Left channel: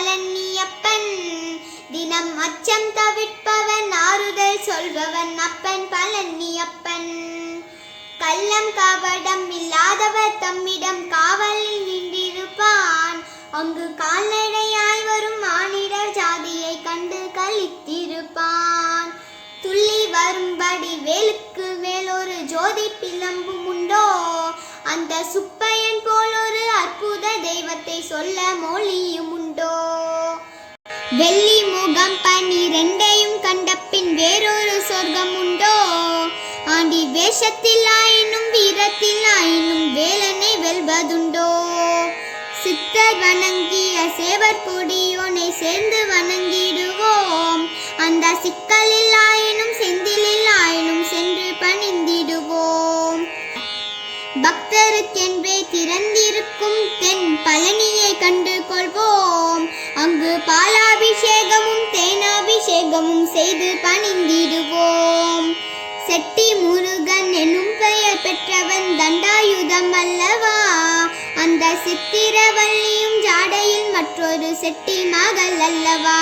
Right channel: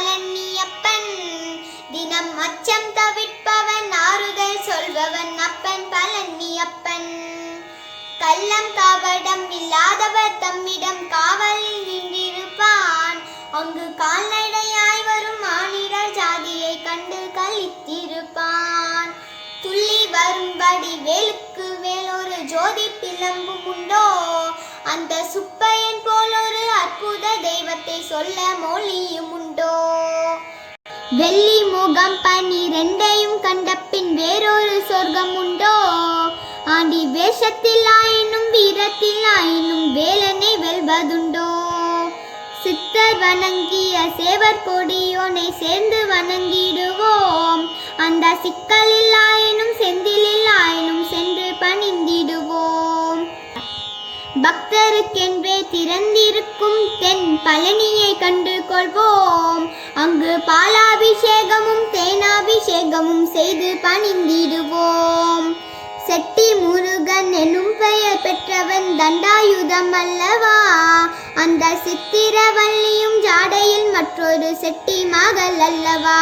பழனியப்பன். தினம் அச்சம் தவிர்ப்பவன், ஆறுதல் சொல்பவன் அப்பன் பழனியப்பன். கள்ளம் கபடம் இல்லாதவர் தம்மிடம் காவலில் நின்றிருப்பான். அங்கு கால்நடையாய் வரும் மானிடர் ஜாதியை கண்டு கழித்திருப்பான். துள்ளி வரும்படி வேலுக்கு வேலொரு ஜோதி பிளம்பும் உண்டோ, அந்த சுப்பையன் போல் ஒரு அற்புத தெய்வத்தை சொல்ல மொழியும் உண்டோ. வெள்ளி முகம் 12 கண்ட பின் வேறொரு சொர்க்கம் உண்டோ, ஆண்டி வேஷத்தில் ஆயினும் வீரத்தில் ஆயினும் வேலனை வெல்வதுண்டோ. சித்தர் வணங்கிய சேவர் கொடியோனை சேர்ந்து வணங்கிடுவோம், அந்த சிக்கலில் ஆயினும் செந்திலில் ஆயினும் சென்று பணிந்திடுவோம். பக்தருக்கென்றே திறந்திருக்கும் தென் பழனியை கண்டு கொள்வோம், அங்கு பாலாபிஷேகமும் தேனாபிஷேகமும் செய்து பணிந்திடுவோம். செட்டி முருகன் எனும் பெயர் பெற்றவன் தண்டாயுதம் அல்லவா, அந்த சித்திரவள்ளியும் ஜாடையில் மற்றொரு செட்டி மகள் அல்லவா.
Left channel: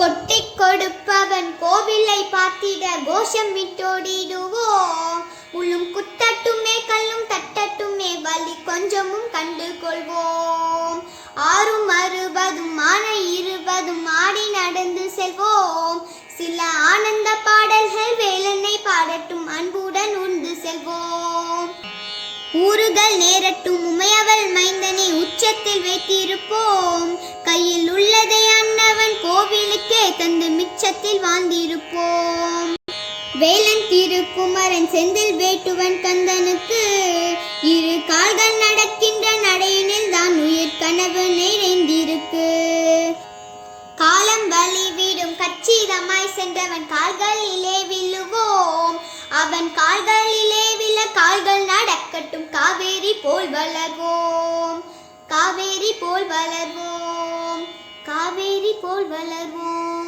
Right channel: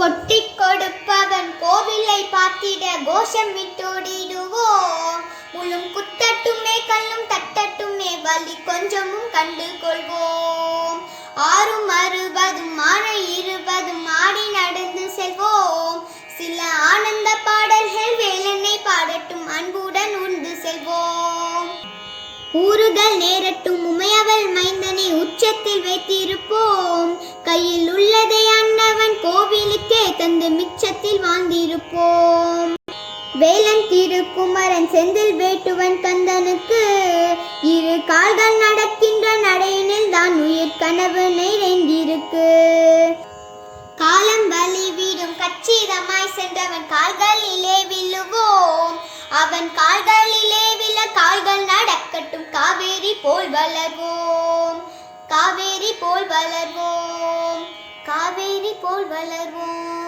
கொட்டி கொடுப்பவன் கோவிலை பார்த்திட கோஷமிட்டோடிடுவோம், முள்ளும் குத்தட்டுமே கல்லும் தட்டட்டுமே வலி கொஞ்சமும் கண்டு கொள்வோம். 6 60 ஆனை 20 ஆடி நடந்து செல்வோம், சில ஆனந்த பாடல்கள் வேலனை பாடட்டும் அன்புடன் உண்டு செல்வோம். ஊறுதல் நேரட்டும் உமையவள் மைந்தனை உச்சத்தில் வைத்திருப்போம், கையில் உள்ளதை அன்னவன் கோவிலுக்கே தந்து மிச்சத்தில் வாழ்ந்திருப்போம். வேலன் திருக்குமரன் செந்தில் வேட்டுவன் கந்தனுக்கு 2 கால்கள் நடக்கின்ற நடையினில் தான் உயிர் கனவு நிறைந்திருக்கு. காலம் வழி விடும் கச்சிதமாய் சென்றவன் கால்களிலே விழுவோம், அவன் கால்களிலே விழ கால்கள் நடக்கட்டும் காவேரி போல் வளர்வோம், காவேரி போல் வளர்வோம், காவேரி போல் வளர்வோம்.